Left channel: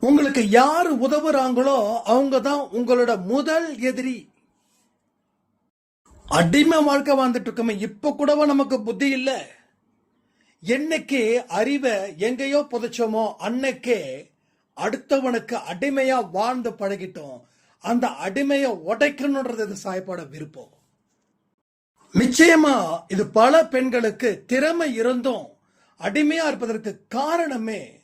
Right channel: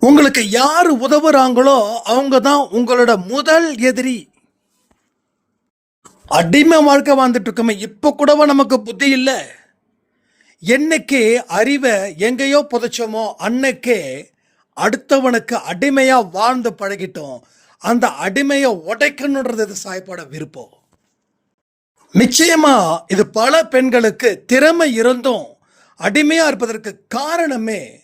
உங்களுக்கு யார் உதவுறாங்களோ அவங்க தான் உங்களோட முதல் எதிரி. அடிமை வாழ்க்கை வாழ்ந்துட்டு இருக்கோமே இப்போ கூடவா நமக்கு புத்தி இல்லை? என்னைக்கு அறிவை எங்கேயோ புதைச்சோமோ அன்னைக்கே அடுத்தவனுக்கு அடிமையா வாழ்ந்து பழகிட்டோம். அந்த அடிமையை உடைக்கணுன்றது இது விருப்பம்? நிச்சயமா இது பல பெண்களுக்கு திறமை இருந்தும் அடிமையாக இருப்பதற்கு காரணமே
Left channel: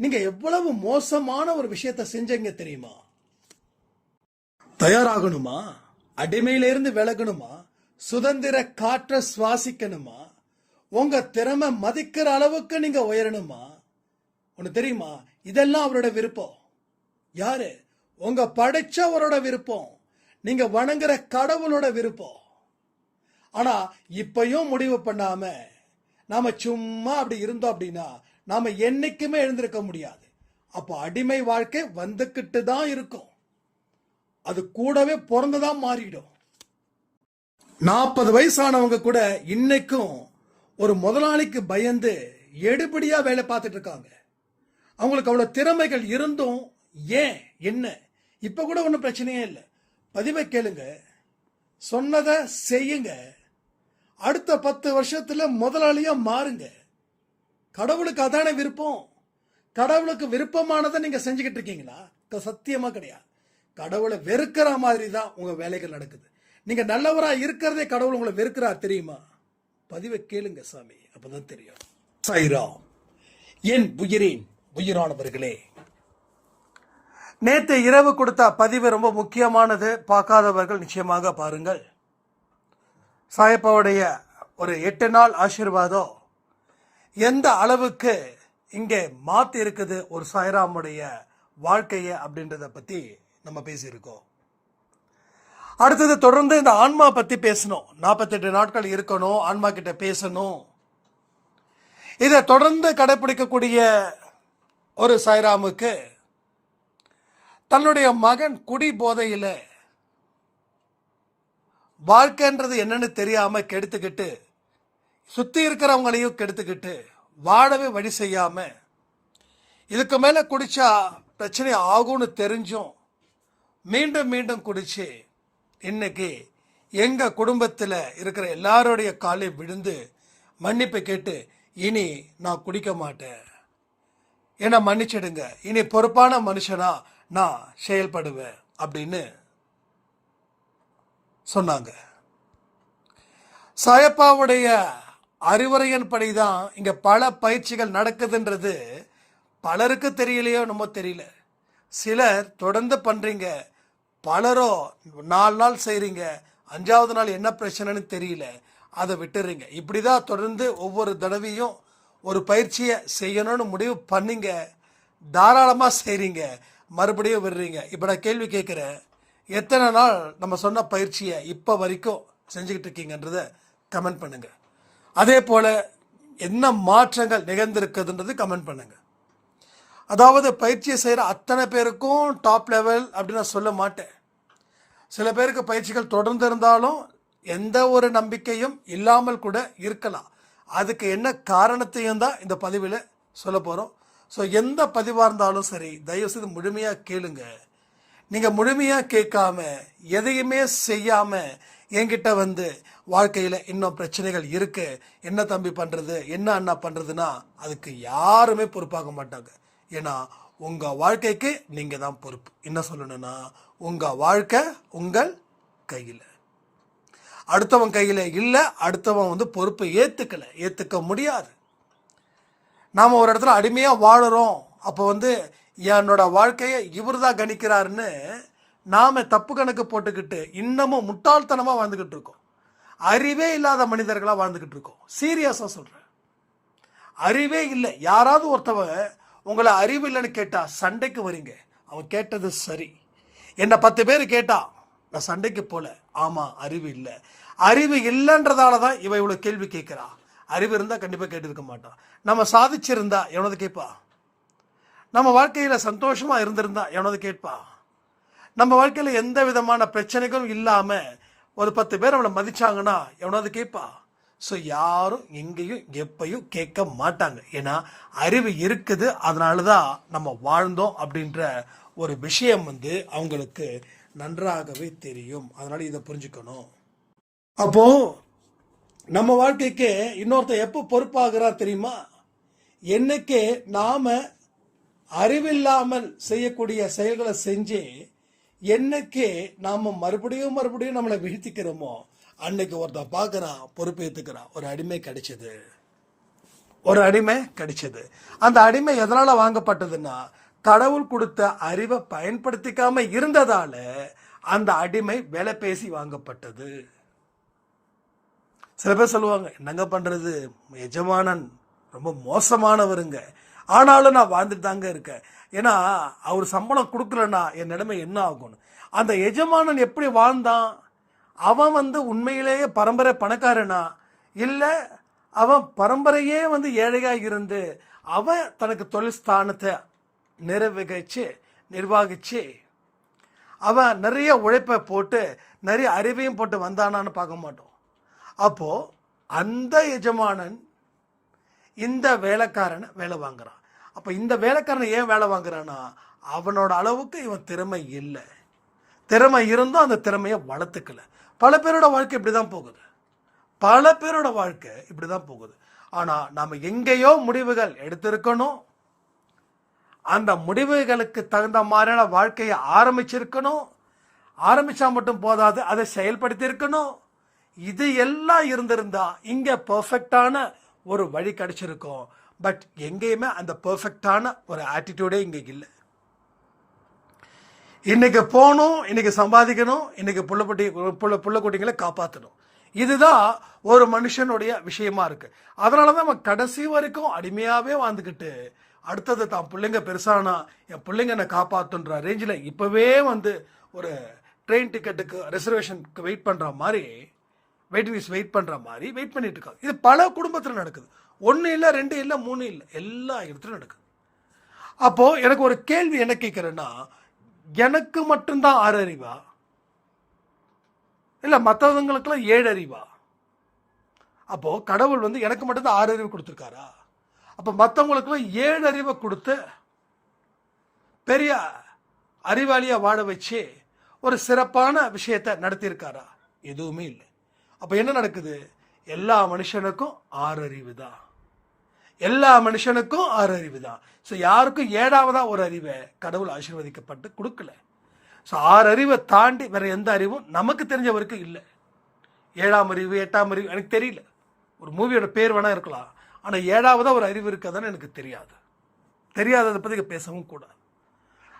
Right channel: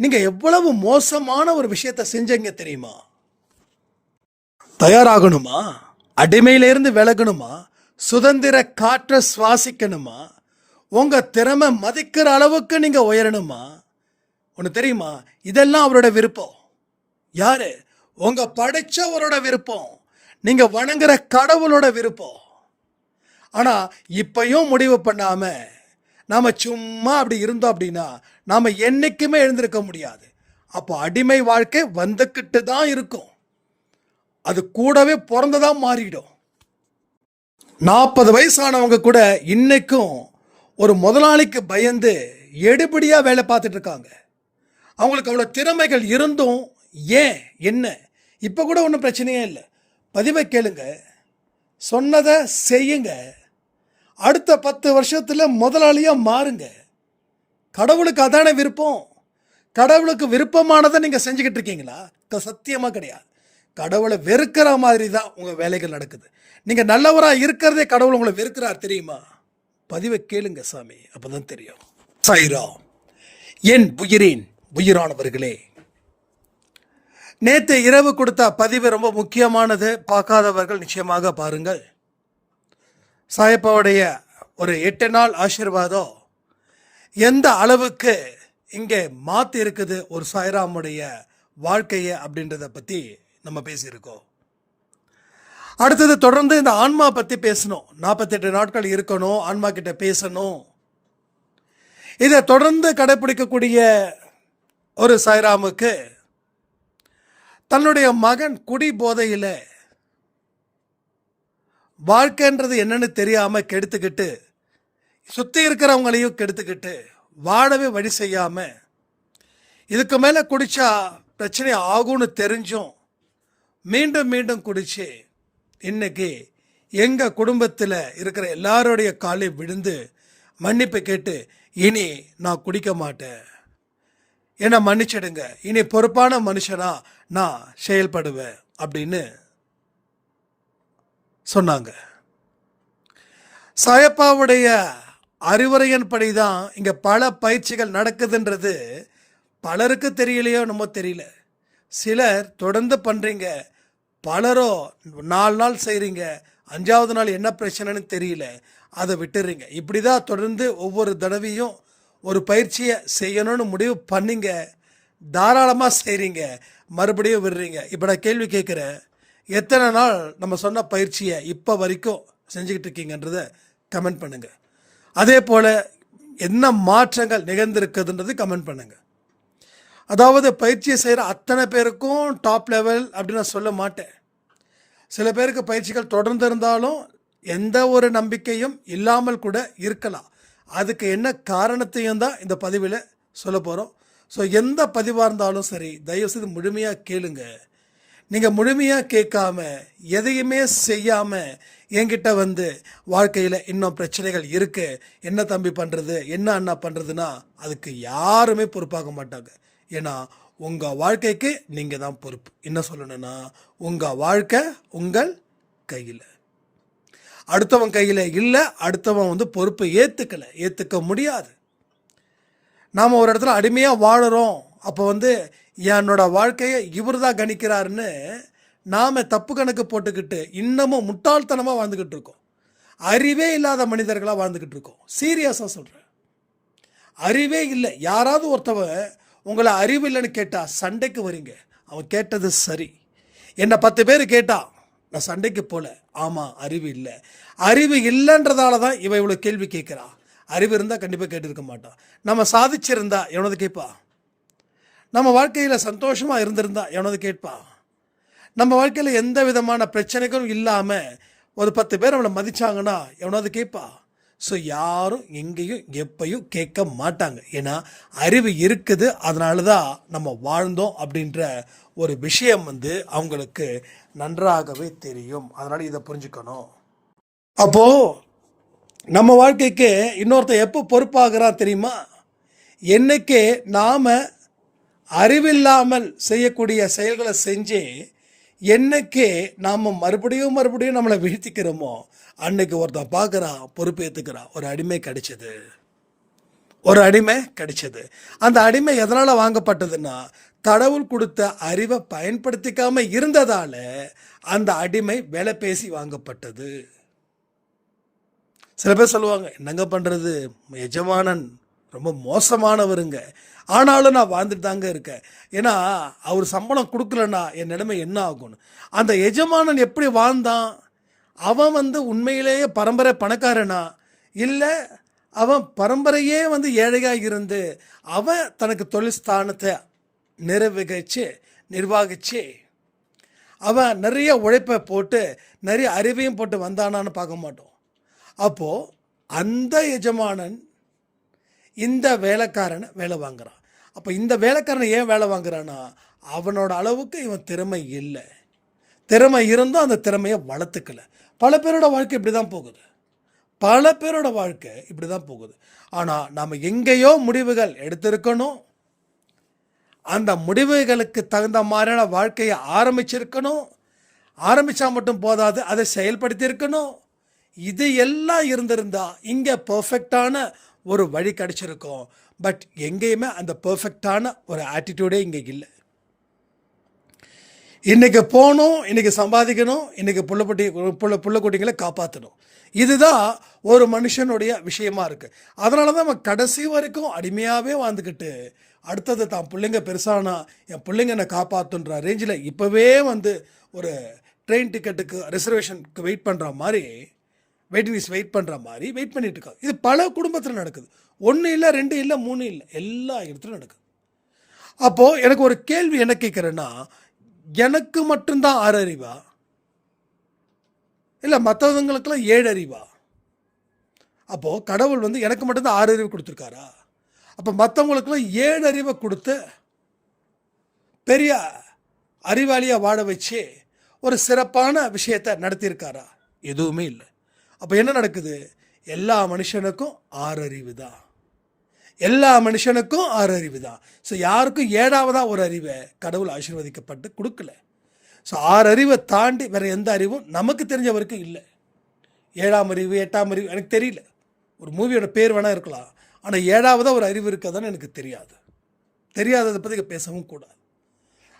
நீங்கள் எவ்வளவு மோசமான ஒரு விஷயத்தை செஞ்சீங்க தெரியுமா? தயாராகணுமா? அடிமையிலிருந்து விலகணுமா? சுதந்திர காற்றை சுவாசிக்கணுமா? உங்கள் திறமை மதிக்கிற அளவுக்கு நீங்கள் உயரணுமா? ஒன்று தெரியுமா? இதெல்லாம் அவரோட விருப்பம். யாரு? உங்க படைச்சவரோட விருப்பம். நீங்கள் வணங்குற கடவுளோட விருப்பம். ஆனால் இப்பையும் முடிவு பண்ணாமல் நாம் சும்மா அப்படி இருந்தோம் அப்படின்னா நாம் என்றைக்குமே எழுந்திருக்க முடியாது. அப்போ அடிமை வாழ்க்கை வந்துக்கிட்டு தான் இருக்கும். அது கூடவே பிறந்ததாக மாறிடும். நாற்பது வயசானவங்க கூட இன்னைக்கும் ஒரு முதலாளிக்கு பயந்து எடுபடியாக வேலை பார்த்துட்டு இருக்காங்க. அவங்களுக்கு அவ்வளோ திறமைகள் இருந்தும் ஏன் என்ன? இப்போ கூட ஒன்றும் பிரச்சனையே இல்லை. பதிவை கேளுங்க. சொன்னதை செய்யுங்க. அடுத்த பத்து வருஷத்தில் முதலாளியாக மாறுங்க. கடவுளுக்கு அதான விருப்பம்? கடவுளுக்கு விருப்பமானதை நீங்கள் செஞ்சுக்கிட்டு இருக்கீங்களா? சத்தியமாக கிடையாது. கடவுளை வெறுக்கிற மாதிரி தான் உங்கள் வேலைகள் நடக்குது. நீங்கள் நல்லவராக இருக்கிறதே கடவுள் உங்களை வெறுக்கிறார் தெரியுமா? பதிவை கேளுங்க சாமி அப்போ தான் தெரியும். சாய்ராம் என் உயிரின் உயிரானவர்களே நேற்று இரவு கொடுத்த பதிவு ரொம்ப முக்கியமானது. பார்க்காதவர்கள் நிச்சயமாக பாருங்கள். சாயப்பாவுடைய ஒரு எட்டு நாள் ஆசீர்வாதம் எந்த அளவுக்கு இங்கே மாற்றி இருக்குது ஒரு சாய்ராமுடைய வாழ்க்கையை அப்படின்றத பற்றி நம்ம பேசியிருக்கோம். அடுத்தது தொடர்ந்து இந்த ஆன்மா பற்றி பேசணும். நாற்பத்தெட்டு நாட்கள் இருக்கணும் ஆன்மா கிட்ட பேசணும். இதை தொடர்ந்து கடைப்பிடிக்கக்கூடிய ஒரு சாய்ராமுக்கு தன்னுடைய மகன் குடி போதையில் வாழ்க்கைன்றது என்னன்னு தெரியாமல் கெடுத்துக்கிட்டு சுற்றி இருக்கிறவங்களையும் கெடுத்துக்கிட்டு வாழவே வழி செய்யாமல் இதுக்கு மேலே குடித்தா பிரச்சனை ஆகும்னு தெரிஞ்சும் மீண்டும் மீண்டும் குடித்து இன்னைக்கு எங்கள் குடும்பத்தில் இருக்கிற எல்லாருடைய காலையும் விழுந்து மன்னிப்பு கேட்டு இனி நான் குடிக்க மாட்டேன். என்னை மன்னிச்சிடுங்க. இனி பொறுப்பான மனுஷனாக நான் செயல்படுவேன் அப்படின்னு சொன்னாங்க. சாயப்பாவுடைய அறிவுரையின்படி தான் இங்கே பல பயிற்சிகள் நடக்குதுன்றது பலருக்கு தெரியலையோ நம்ம தெரியல. சிலர் தொடர்ந்து பண்ணுறீங்க பலரோ நாலு நாள் செய்கிறீங்க அஞ்சாவது நாள் என்ன பிரச்சனைன்னு தெரியல அதை விட்டுறீங்க. இப்படி தான் தொடர்ந்து ஒவ்வொரு தடவையும் ஒரு பயிற்சியை செய்யணும்னு முடிவு பண்ணிங்க தாராளமாக செய்கிறீங்க மறுபடியும் விடுறீங்க. இப்போ நான் கேள்வி கேட்குறேன் எத்தனை நாள் நம்ம சொன்ன பயிற்சியை இப்போ வரைக்கும் செஞ்சுக்கிட்டு இருக்கீங்கன்றதை கமெண்ட் பண்ணுங்கள் அதே போல் என்ன மாற்றங்கள் நிகழ்ந்திருக்குதுன்றது கமெண்ட் பண்ணுங்கள் அதாவது பயிற்சியை செய்கிற அத்தனை பேருக்கும் டாப் லெவல் அப்படின்னு நான் சொல்ல மாட்டேன். சில பேருக்கு பயிற்சிகள் தொடர்ந்து இருந்தாலும் எந்த ஒரு நம்பிக்கையும் இல்லாமல் கூட இருக்கலாம். அதுக்கு என்ன காரணத்தையும் தான் இந்த பதிவில் சொல்ல போகிறோம் ஸோ எந்த பதிவாக இருந்தாலும் சரி தயவுசெய்து முழுமையாக கேளுங்க. நீங்கள் முழுமையாக கேட்காம எதையுமே செய்யாமல் என்கிட்ட வந்து வாழ்க்கையில் இன்னும் பிரச்சனைகள் இருக்குது என்ன தம்பி பண்ணுறது என்ன அண்ணா பண்ணுறதுன்னா அதுக்கு யாருமே பொறுப்பாக மாட்டாங்க. ஏன்னா உங்கள் வாழ்க்கைக்கு நீங்கள் தான் பொறுப்பு. என்ன சொல்லணும்னா உங்கள் வாழ்க்கை உங்கள் கையில். அடுத்தவன் கையில் இல்லை அடுத்தவன் வந்து பொறுப்பை ஏற்றுக்கலை ஏற்றுக்க முடியாது. நாம் ஒரு இடத்துல அடிமையாக வாழறோம். அப்போ வந்து என்னோட வாழ்க்கையை இவர் தான் கணிக்கிறாருன்னு நாம் தப்பு கணக்கு போட்டுக்கிட்டு இன்னமும் முட்டாள்தனமாக வாழ்ந்துக்கிட்டு இருக்கோம். அறிவே இல்லாத மனிதர்களாக வாழ்ந்துக்கிட்டு இருக்கோம். சீரியஸாக சொல்கிறேன் அறிவே இல்லை. யாராவது ஒருத்தவன் உங்களை அறிவு இல்லைன்னு கேட்டால் சண்டைக்கு வரீங்க. அவன் கேட்டது சரி. என்னை பத்து பேர் கேட்டா நான் சண்டைக்கு போல. ஆமாம் அறிவு இல்லை. அறிவு இல்லைன்றதால தான் இவன் இவ்வளோ கேள்வி கேட்குறா. அறிவு இருந்தால் கண்டிப்பாக கேட்டிருக்க மாட்டான் நம்ம சாதிச்சிருந்தா எவனது கேட்பா? நம்ம வாழ்க்கையில் சந்தோஷமாக இருந்திருந்தா எவனது கேட்பா? நம்ம வாழ்க்கையில் எந்த விதமான பிரச்சனைகளும் இல்லாமல் ஒரு பத்து பேர் அவளை மதித்தாங்கன்னா எவனாவது கேட்பா? ஸோ யாரும் எங்கேயும் எப்பையும் கேட்க மாட்டாங்க. ஏன்னா அறிவு இருக்குது. அதனால தான் நம்ம வாழ்ந்தோம் அப்படின்ற ஒரு விஷயம் வந்து அவங்களுக்கு நன்றாகவே தெரியும். அதனால் இதை புரிஞ்சுக்கணும். அப்போது நம்ம வாழ்க்கைக்கு இன்னொருத்தன் எப்போ பொறுப்பாகிறான் தெரியுமா? என்னைக்கு நாம் அறிவில்லாமல் செய்யக்கூடிய செயல்களை செஞ்சு என்னைக்கே நாம் மறுபடியும் மறுபடியும் நம்மளை வீழ்த்திக்கிறோமோ அன்னைக்கு ஒருத்தன் பார்க்குறான் பொறுப்பேற்றுக்கிறான் ஒரு அடிமை கிடைச்சது. ஒரு அடிமை கிடைச்சது. அந்த அடிமை எதனால் வாங்கப்பட்டதுன்னா கடவுள் கொடுத்த அறிவை பயன்படுத்திக்காம இருந்ததால் அந்த அடிமை விலை பேசி வாங்கப்பட்டது. சில பேர் சொல்லுவாங்க என்னங்க பண்ணுறது எஜமானன் ரொம்ப மோசமானவருங்க. ஆனாலும் நான் வாழ்ந்துட்டு தாங்க இருக்கேன். ஏன்னா அவர் சம்பளம் கொடுக்கலன்னா என் நிலைமை என்ன ஆகும்னு. அந்த எஜமானன் எப்படி வாழ்ந்தான்? அவன் வந்து உண்மையிலேயே பரம்பரை பணக்காரனா? இல்லை அவன் பரம்பரையே வந்து ஏழையாக இருந்து அவன் தனக்கு தொழில் ஸ்தானத்தை நிறைவேச்சு நிர்வாகிச்சு அவன் நிறைய உழைப்பை போட்டு நிறைய அறிவையும் போட்டு வந்தானான்னு பார்க்க மாட்டோம். அப்போது அந்த எஜமானன் இந்த வேலைக்காரனை வேலை வாங்குறான். அப்போ இந்த வேலைக்காரனை ஏன் வேலை வாங்குறான்னா அவனோட அளவுக்கு இவன் திறமை இல்லை. திறமை இருந்தும் அந்த திறமையை வளர்த்துக்கல. பல பேரோட வாழ்க்கை இப்படி தான் போகுது. பல பேரோட வாழ்க்கை இப்படி தான் போகுது. ஆனால் நாம் எங்கேயோ முடிவுகள் எடுத்திருக்கணும். அந்த முடிவுகளுக்கு தகுந்த மாதிரியான வாழ்க்கையை ஆரம்பிச்சிருக்கணும். ஆரம்பித்தா மட்டும் போதாது அதை செயல்படுத்தியிருக்கணும். இது எல்லாம் இருந்திருந்தா இங்கே பர்ஃபெக்டான ஒரு வழி கிடச்சிருக்கோம். பட் எங்கேயுமே அந்த பர்ஃபெக்டான ஒரு ஆட்டிடியூடே இங்கே இல்லை. இன்றைக்கி போகணும் இன்னைக்கு சம்பாதிக்கணும் இன்றைக்கி புள்ளப்பட்டி புள்ள புள்ளக்குட்டிங்களை காப்பாற்றணும் இதுதான் ஒரு மனுஷனுடைய விஷயமா இருக்குது அதனால தான் அவன் கடைசி வரைக்கும் அடிமையாகவே வாழ்ந்துக்கிட்டு அடுத்தது தான் பிள்ளைங்க பெருசானா என் பிள்ளைங்க என்னை காப்பாற்றுன்ற ரேஞ்சில் இப்போவே வந்து ஒரு ட்ரெயின் டிக்கெட்டுக்கு ரிசர்வேஷனுக்கு வெயிட் பண்ணுற மாதிரி வெயிட்டிங் லிஸ்ட் வெயிட் பண்ணுற மாதிரி வெயிட் பண்ணிகிட்டு இருக்காங்க இது பல குடும்பத்தில் நடக்குது. ஒன்று இல்லை ரெண்டு இல்லை மூணு இல்லை. எல்லா இடத்துலையும் நடக்குது. அப்போது எனக்கு ஒரு கேள்வி என்ன கேட்குறேன்னா எனக்கு மட்டும்தான் ஆறு அறிவா? இல்லை மற்றவங்களுக்கெல்லாம் ஏழு அறிவா? அப்போது கடவுள் வந்து எனக்கு மட்டும்தான் ஆறு அறிவு கொடுத்துருக்காரா? அப்போ மற்றவங்களுக்கெல்லாம் ஏழு அறிவை கொடுத்து பெரிய அறிவாளியாக வாழ வச்சு ஒரு சிறப்பான விஷயத்தை நடத்தியிருக்காரா? எதுவுமே இல்லை. அப்போ என்ன நடக்குது? எல்லா மனுஷனுக்கும் ஆறறிவு தான் எல்லா மனுஷனுக்கும் ஆறு அறிவு தான். ஸோ யாருக்கும் ஏழாவதாக ஒரு அறிவை கடவுள் ஆசீர்வதிக்கப்பட்டு கொடுக்கல. ஸோ ஆறு அறிவை தாண்டி வேறு எந்த அறிவும் நமக்கு தெரிஞ்ச வரைக்கும் இல்லை. ஏழாம் அறிவு எட்டாம் அறிவு எனக்கு தெரியல. ஒரு மூவியோட பேர் வேணால் இருக்கலாம். ஆனால் ஏழாவதாக ஒரு அறிவு இருக்காதுன்னு எனக்கு தெரியாது. தெரியாததை பற்றி பேசவும் கூடாது.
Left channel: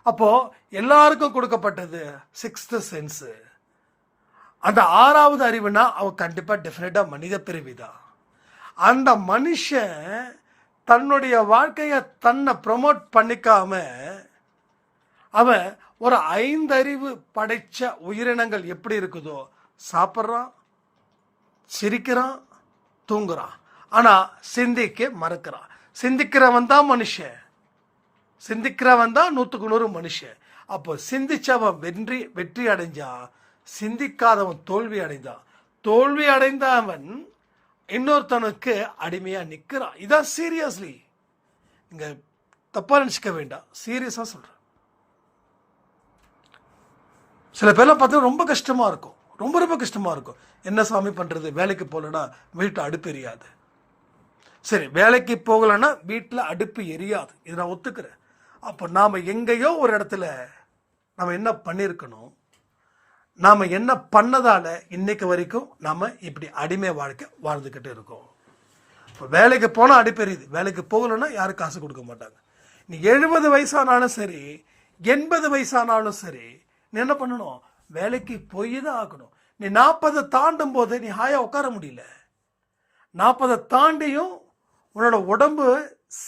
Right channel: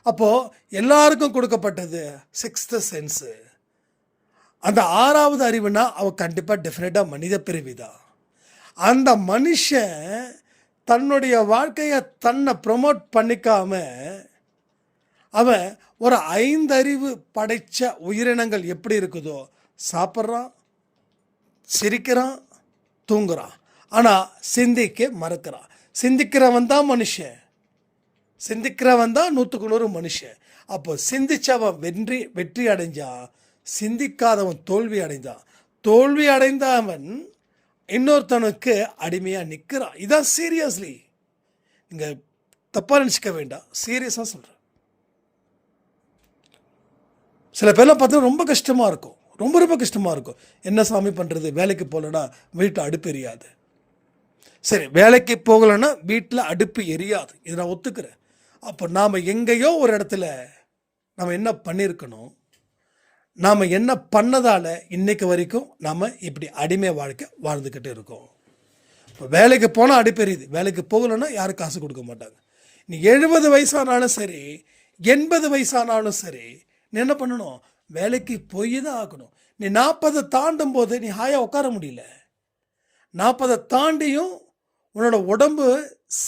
அப்போது எல்லாருக்கும் கொடுக்கப்பட்டது சிக்ஸ்த்து சென்ஸு அந்த ஆறாவது அறிவுனா அவன் கண்டிப்பாக டெஃபினட்டாக மனித பிறவி தான் அந்த மனுஷன் தன்னுடைய வாழ்க்கையை தன்னை ப்ரொமோட் பண்ணிக்காம அவன் ஒரு ஐந்தறிவு படைத்த உயிரினங்கள் எப்படி இருக்குதோ சாப்பிட்றான் சிரிக்கிறான் தூங்குறான். ஆனால் சிந்திக்க மறக்கிறான். சிந்திக்கிறவன் தான் மனுஷன். சிந்திக்கிறவன் தான் நூற்றுக்கு நூறு மனுஷன். அப்போ சிந்திச்சவன் வெற்றி வெற்றி அடைஞ்சான். சிந்திக்காதவன் தோல்வி அடைந்தான். தோல்வி அடைந்தவன் இன்னொருத்தனுக்கு அடிமையாக நிற்கிறான் இதான் சீரியஸ்லி நீங்கள் தப்பாக நினச்சிக்க வேண்டாம். சீரியஸாக சொல்கிறேன் சில பேர்லாம் பார்த்தா ரொம்ப கஷ்டமாக இருக்கும். ரொம்ப ரொம்ப கஷ்டமாக இருக்கும். என்ன சாமி பண்ணுறது வேலைக்கு போகலன்னா வீட்டில் அடுப்பு எரியாது. சரி வேலைக்கு போகலைன்னா வீட்டில் அடுப்பு எரியாது. இதை நான் ஒத்துக்கிறேன். அப்போ நாம் எங்கேயோ ஒரு இடத்துல நம்ம என்ன பண்ணியிருக்கணும்? நாம் என்ன பண்ணதால் இன்றைக்கு வரைக்கும் நாம் இப்படி அடிமை வாழ்க்கை வாழ்ந்துக்கிட்டு இருக்கோம். இப்போ வேலைக்கு போனால் அடிப்பெரியுது வேலைக்கு போகலைன்னா யாரும் காசு கொடுக்க மாட்டாங்க. நீ எழுபது வயசானாலும் சரி எண்பது வயசானாலும் சரி நீ என்ன பண்ணணும்? வேலைக்கு போய் தான் ஆகணும். நீ நாற்பதை தாண்டும் போது நீ ஹாயாக உட்கார முடியல. நாற்பதை தாண்டியும் உன்னோட உடம்பு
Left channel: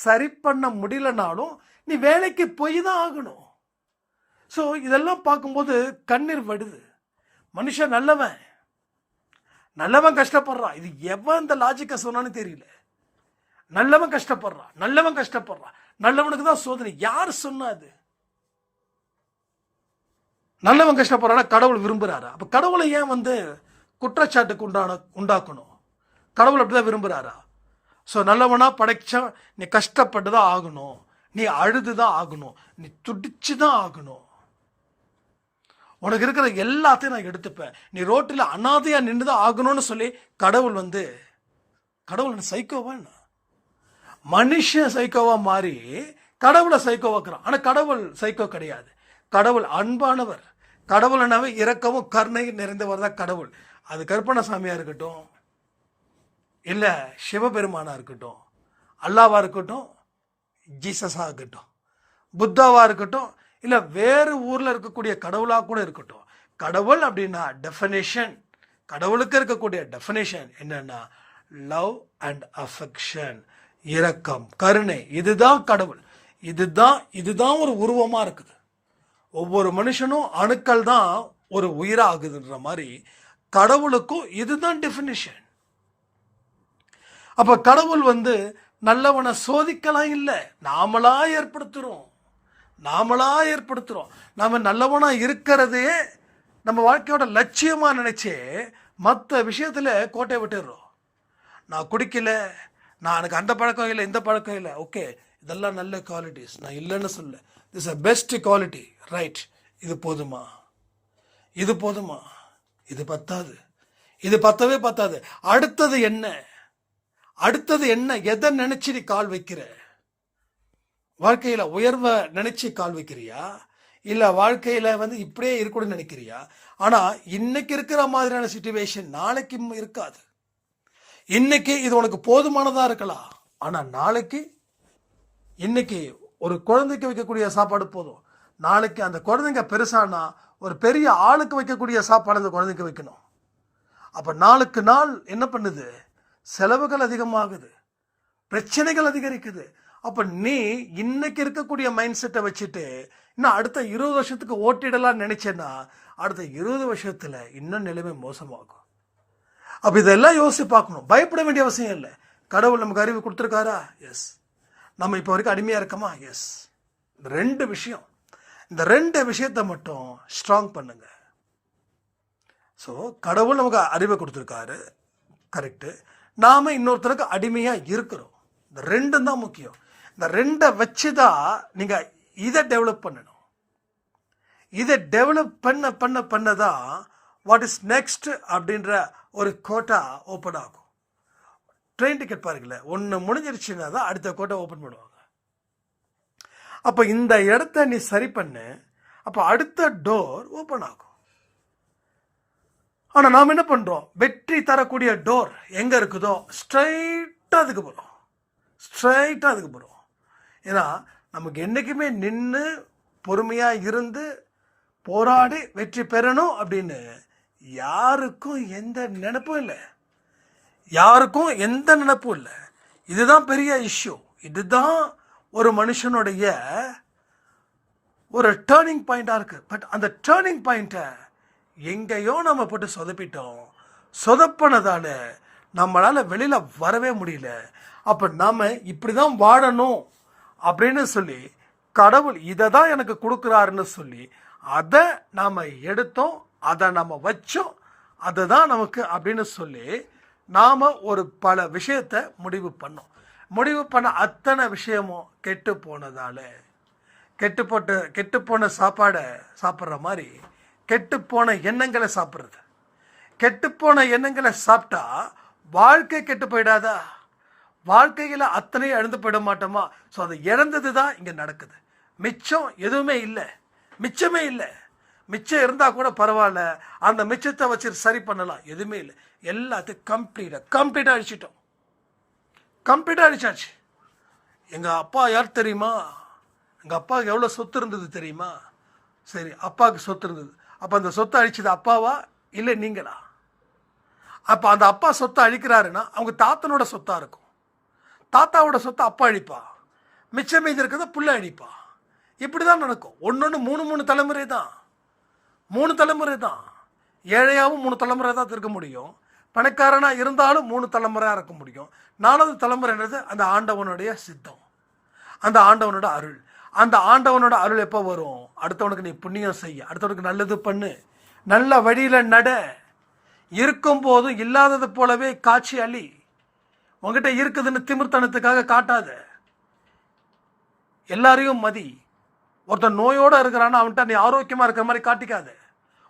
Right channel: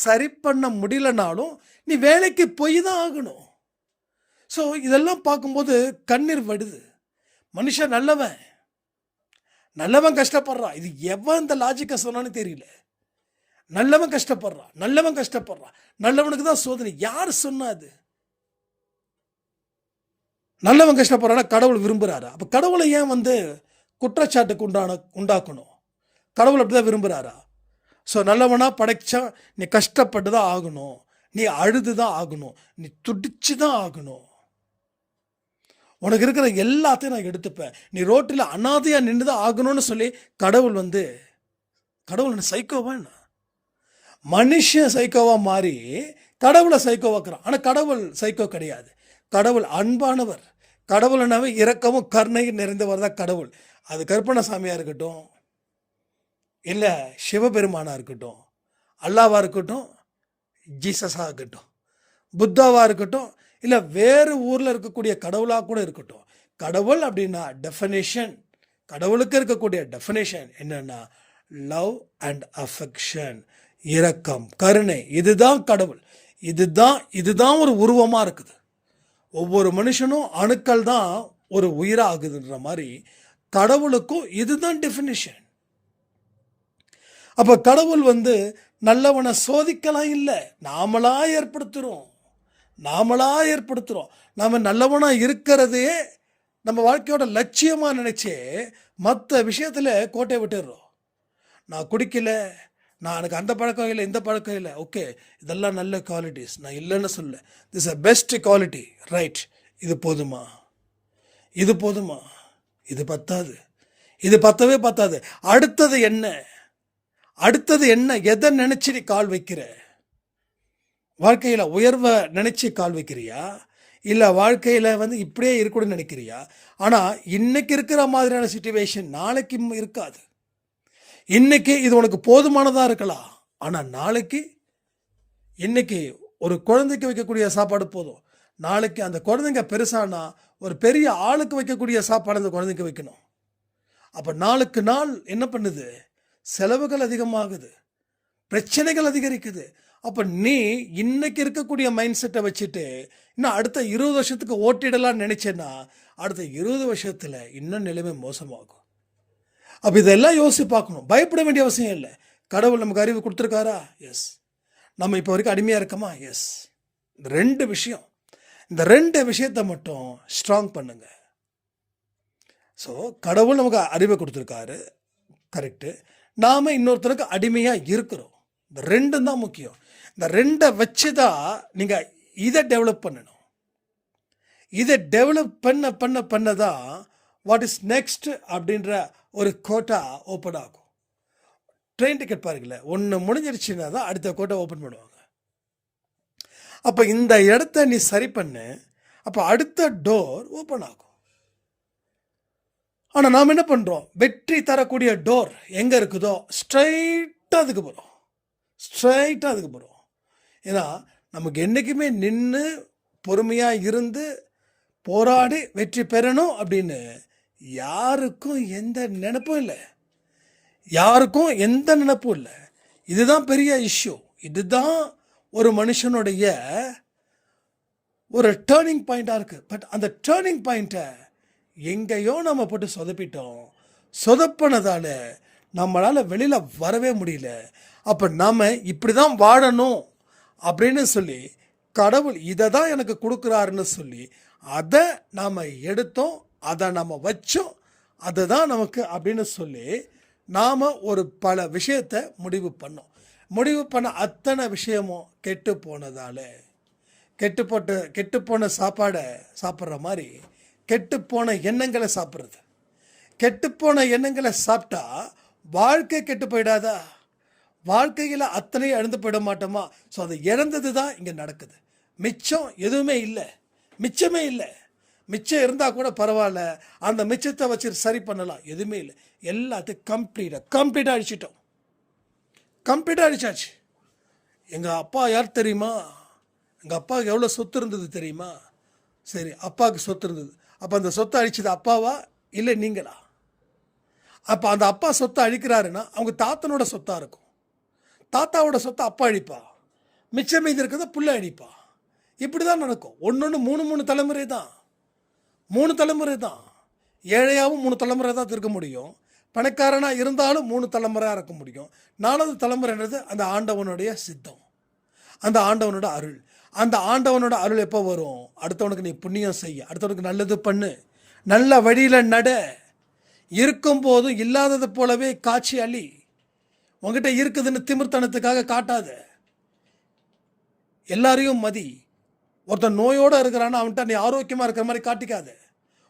சரி பண்ண முடியலனாலும் நீ வேலைக்கு போய் தான் ஆகணும். ஸோ இதெல்லாம் பார்க்கும்போது கண்ணீர் வடுது. மனுஷன் நல்லவன். நல்லவன் கஷ்டப்படுறான் இது எவன் இந்த லாஜிக்கை சொன்னான்னு தெரியல. நல்லவன் கஷ்டப்படுறான் நல்லவன் கஷ்டப்படுறான் நல்லவனுக்கு தான் சோதனை. யார் சொன்னாது நல்லவன் கஷ்டப்படுறானா கடவுள் விரும்புகிறாரு அப்போ கடவுளை ஏன் வந்து குற்றச்சாட்டுக்கு உண்டான உண்டாக்கணும்? கடவுள் அப்படி தான் விரும்புகிறாரா ஸோ நல்லவனாக படைச்சா நீ கஷ்டப்பட்டு தான் ஆகணும். நீ அழுது தான் ஆகணும். நீ துடிச்சு தான் ஆகணும். உனக்கு இருக்கிற எல்லாத்தையும் நான் எடுத்துப்பேன். நீ ரோட்டில் அனாதையாக நின்று தான் ஆகணும்னு சொல்லி கடவுள் வந்து கடவுள் என்ன சைக்கோவா என்ன? மனுஷன் சைக்கோவா மாறி கடவுளை சைக்கோவாக்குறான் ஆனால் கடவுள் சைக்கோ கிடையாது. கடவுள் அன்பானவர். கடவுள்னாவே இரக்கமும் கருணையும் நிறைந்தவர் தான் கடவுள். அது கற்பனசாமியாக இருக்கட்டும் இல்லை சிவபெருமானாக இருக்கட்டும் அல்லாவாக இருக்கட்டும் ஜீசஸாக இருக்கட்டும் புத்தாவாக இருக்கட்டும் இல்லை வேறு ஊரில் இருக்கக்கூடிய கடவுளாக கூட இருக்கட்டும். கடவுள் அப்படின்னா டெஃபனேஷன் கடவுளுக்கு இருக்கக்கூடிய டெஃபனேஷன் என்னென்னா லவ் அண்ட் அஃபெக்ஷன் இரக்கம் கருணை. இதுதான் கடவுள். இதுதான் இதுதான் ஒரு உருவமாக இருக்குது. ஒவ்வொரு மனுஷனும் அணுக்கள் தான் ஒரு உயிராகுதுன்ற மாதிரி கடவுளுக்கும் இதுதான் டெஃபினிஷன் அப்போ கடவுள் வந்து நல்லவனை சோதிக்கலாம் இல்லை. நாமளாக ஏற்படுத்துகிறோம் நாமளாக ஏற்படுத்துகிறோம் நாம் நல்லவனாக இருக்கிறதே நம்ம வாழ்க்கையோட லட்சியமாக நினச்சே மற்ற விஷயத்தில் கோட்டையை விட்டுடுறோம். நான் குடிக்கல நான் எனக்கு அந்த பழக்கம் இல்லை இந்த பழக்கம் இல்லை. ஓகே இதெல்லாம் நல்ல குவாலிட்டிஸ் நான் இல்லைன்னு சொல்ல this a best quality right இது போதுமா? இது போதுமா? இது பத்தாது. இது பத்தவே பத்தாது. அடுத்தது என்ன? அடுத்தது என்ன? எதை நினச்சி நீ கால் வைக்கிற? வாழ்க்கையில் உயர்வை நினைச்சு கால் வைக்கிறியா? இல்லை வாழ்க்கையில் வந்து இப்படியே இருக்கணும்னு நினைக்கிறியா? ஆனால் இன்னைக்கு இருக்கிற மாதிரியான சுச்சுவேஷன் நாளைக்கு இருக்காது. இன்னைக்கு இது உனக்கு போதுமானதாக இருக்கலாம். ஆனால் நாளைக்கு இன்னைக்கு ஒரு குழந்தைக்கு வைக்கக்கூடிய சாப்பாடு போதும். நாளைக்கு அந்த குழந்தைங்க பெருசானா ஒரு பெரிய ஆளுக்கு வைக்கக்கூடிய சாப்பாடு அந்த குழந்தைக்கு வைக்கணும். அப்போ நாளுக்கு நாள் என்ன பண்ணுது? செலவுகள் அதிகமாகுது. பிரச்சனைகள் அதிகரிக்குது. அப்போ நீ இன்னைக்கு இருக்கக்கூடிய மைண்ட் செட்டை வச்சுட்டு இன்னும் அடுத்த இருபது வருஷத்துக்கு ஓட்டிடலாம்னு நினச்சேன்னா அடுத்த இருபது வருஷத்தில் இன்னும் நிலைமை மோசமாகும். அப்போ இதெல்லாம் யோசித்து பார்க்கணும். பயப்பட வேண்டிய அவசியம் இல்லை. கடவுள் நமக்கு அறிவு கொடுத்துருக்காரா? எஸ் நம்ம இப்போ வரைக்கும் அடிமையாக இருக்கோமா? எஸ் இந்த ரெண்டு விஷயம். இந்த ரெண்டு விஷயத்தை மட்டும் ஸ்ட்ராங் பண்ணுங்க. ஸோ கடவுள் நமக்கு அறிவை கொடுத்துருக்காரு. கரெக்டு நாம் இன்னொருத்தருக்கு அடிமையாக இருக்கிறோம். இந்த ரெண்டும் தான் முக்கியம். இந்த ரெண்டை வச்சு தான் நீங்கள் இதை டெவலப் பண்ணணும். இதை டெவலப் பண்ண பண்ண பண்ண தான் வாட் இஸ் நெக்ஸ்ட் அப்படின்ற ஒரு கோட்டா ஓப்பன் ஆகும். ட்ரெயின் டிக்கெட் பாருங்களேன் ஒன்று முடிஞ்சிருச்சுன்னா தான் அடுத்த கோட்டை ஓப்பன் பண்ணுவாங்க. அப்போ இந்த இடத்த நீ சரி பண்ணு அப்போ அடுத்த டோர் ஓப்பன் ஆகும். ஆனால் நாம் என்ன பண்ணுறோம் வெற்றி தரக்கூடிய டோர் எங்கே இருக்குதோ ஸ்ட்ரைட்டாக அதுக்கு போகிறோம் ஸ்ட்ரைட்டாக அதுக்கு போகிறோம் ஏன்னா நமக்கு என்றைக்குமே நின்று பொறுமையாக இருந்து போராடி வெற்றி பெறணும் அப்படின்னு யாருக்கும் எந்த நினப்பும் இல்லை. யாருக்கும் எந்த நினப்பும் இல்லை. இதுதான் பெரிய இஷ்யூ இதுதான் ஒரு மனுஷனுடைய ஒரு டேர்னிங் பாயிண்டாக இருக்குது பட் அந்த டேர்னிங் பாயிண்ட்டை எங்கேயோ நம்ம போட்டு சொதப்பிட்டோம். சொதப்பினதால் நம்மளால் வெளியில் வரவே முடியல. அப்போ நாம் இப்படி தான் வாழணும். அப்படின்னு சொல்லி கடவுள் இதை தான் எனக்கு கொடுக்குறாருன்னு சொல்லி அதை நாம் எடுத்தோம் அதை நம்ம வச்சோம் அதுதான் நமக்கு அப்படின்னு சொல்லி நாம் ஒரு பல விஷயத்தை முடிவு பண்ணோம். முடிவு பண்ண அத்தனை விஷயமும் கெட்டு போனதால் கெட்டு போட்டு கெட்டு போன சாப்பாடை சாப்பிட்ற மாதிரி கெட்டு போன எண்ணங்களை சாப்பிட்றது. கெட்டுப்போன எண்ணங்களை சாப்பிட்டா வாழ்க்கை கெட்டு போயிடாதா? வாழ்க்கையில் அத்தனையும் இழந்து போயிட மாட்டோமா? ஸோ அது இழந்தது தான் இங்கே நடக்குது. மிச்சம் எதுவுமே இல்லை. மிச்சமே இல்லை. மிச்சம் இருந்தால் கூட பரவாயில்ல. அந்த மிச்சத்தை வச்சு சரி பண்ணலாம். எதுவுமே இல்லை. எல்லாத்தையும் கம்ப்ளீட்டாக கம்ப்ளீட்டாக அழிச்சிட்டோம். கம்ப்ளீட்டாக அழிச்சாச்சு. எங்கள் அப்பா யார் தெரியுமா? எங்கள் அப்பாவுக்கு எவ்வளோ சொத்து இருந்தது தெரியுமா? சரி அப்பாவுக்கு சொத்து இருந்தது. அப்போ அந்த சொத்தை அழிச்சது அப்பாவா? இல்லை நீங்களா? அப்போ அந்த அப்பா சொத்தை அழிக்கிறாருன்னா அவங்க தாத்தனோட சொத்தாக இருக்கும். தாத்தாவோட சொத்தை அப்பா அழிப்பா. மிச்சம் மீதி இருக்கிறத புள்ள அழிப்பா. இப்படி தான் நடக்கும். ஒன்று ஒன்று மூணு மூணு தலைமுறை தான். மூணு தலைமுறை தான். ஏழையாகவும் மூணு தலைமுறை தான் இருக்க முடியும். பணக்காரனாக இருந்தாலும் மூணு தலைமுறையாக இருக்க முடியும். நாலாவது தலைமுறைன்றது அந்த ஆண்டவனுடைய சித்தம். அந்த ஆண்டவனோட அருள். அந்த ஆண்டவனோட அருள் எப்போ வரும்? அடுத்தவனுக்கு நீ புண்ணியம் செய்ய அடுத்தவனுக்கு நல்லது பண்ணு. நல்ல வழியில் நட. இருக்கும் போதும் இல்லாதது போலவே காட்சி அழி உங்ககிட்ட இருக்குதுன்னு திமிர்த்தனத்துக்காக காட்டாத. எல்லாரையும் மதி. ஒருத்தன் நோயோடு இருக்கிறான்னு அவன்கிட்ட நீ ஆரோக்கியமாக இருக்கிற மாதிரி காட்டிக்காத.